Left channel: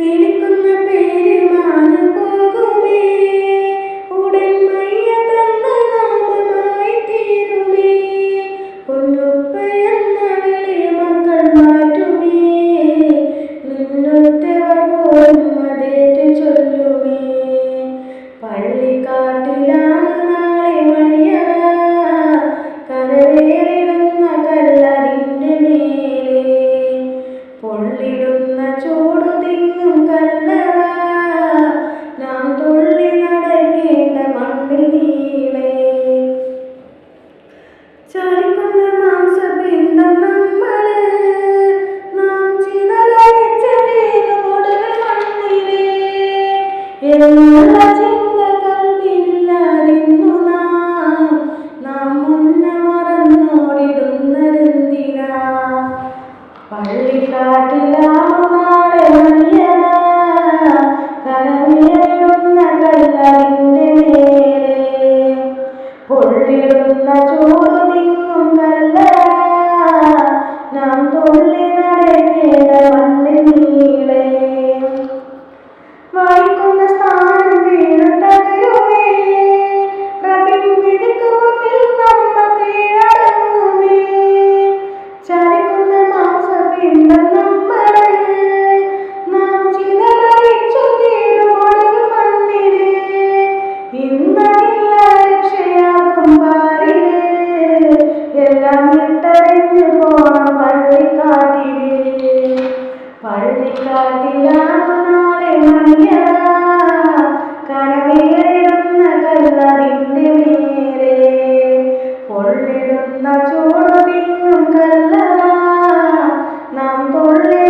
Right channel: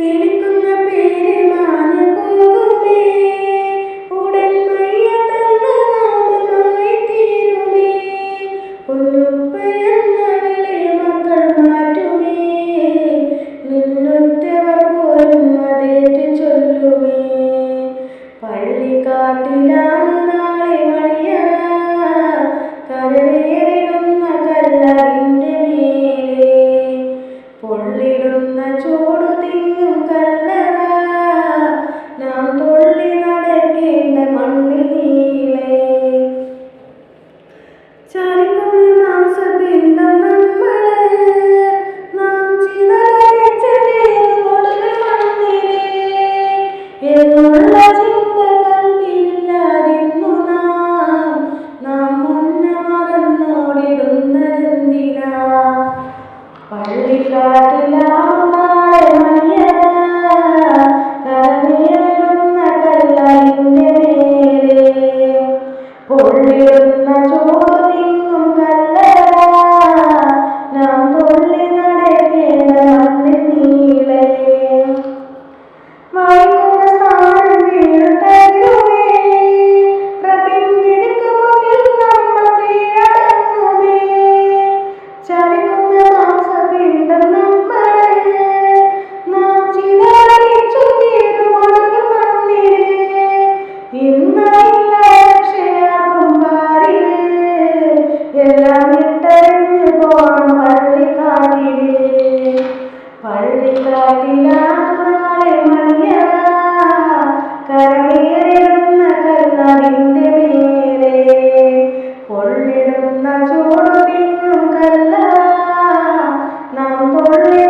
വിളിക്കുന്ന പേര് മാഞ്ഞു പോകുമേ, ഉടൻ മയ്യത്തെന്ന നാമമായി തീരുമേ. പൊന്നുപ്പയെന്ന വിളി മക്കൾ മാറ്റുമേ, നിന്നുറ്റവർ പോലും അതേറ്റ് ചൊല്ലുമേ. പള്ളിക്കാട്ടിലാണ് നാളെ മണിയറ, കരവേറിടുന്ന കല്ലറിൻ്റെ മേലെ. പൊള്ളിടുന്ന ചൂടു തിങ്ങും കല്ലറ, നാം തുള്ളി നടക്കേണ്ട മണ്ണിൽ നീളെ. ചലിക്കുന്ന മാംസപിണ്ഡം നമ്മള്, നാം ചിതലയച്ച പേരുമൊടുകൾ മണ്ണിലെ. എന്നുള്ള ചിന്ത കൽവിലില്ലാതിന്നു നാം മുന്നെ മറന്നോടിടുന്നതെന്തിനാ. പള്ളിക്കാട്ടിലാണു നാളെ മണിയറ, കരവേറിടുന്ന കല്ലറിൻ്റെ മേലെ. പൊള്ളിടുന്ന ചൂടു തിങ്ങും കല്ലറ, നാം തുള്ളി നടക്കേണ്ട മണ്ണിൽ നീളെ. വായിക്കുന്ന സ്ഥാനം വീഴുതരുമേ, പ്രബിംബിതിക്ക് മുന്നിൽ നമ്മൾ കീഴടങ്ങുമേ. ചലിക്കുന്ന മാംസപിണ്ഡം നമ്മള്, നാം ചിതറിച്ചു തീരുമൊടുകൾ മണ്ണില്. ഇന്നില്ല രക്ഷയാകും പാരില്, എല്ലാം ഇട്ടെറിഞ്ഞു പോണം പള്ളിക്കാട്ടില്. പള്ളിക്കാട്ടിലാണ് നാളെ മണിയറ, കരവേറിടുന്ന കല്ലറിൻ്റെ മേലെ. പൊള്ളിടുന്ന ചൂടു തിങ്ങും കല്ലറ, നാം തുള്ളി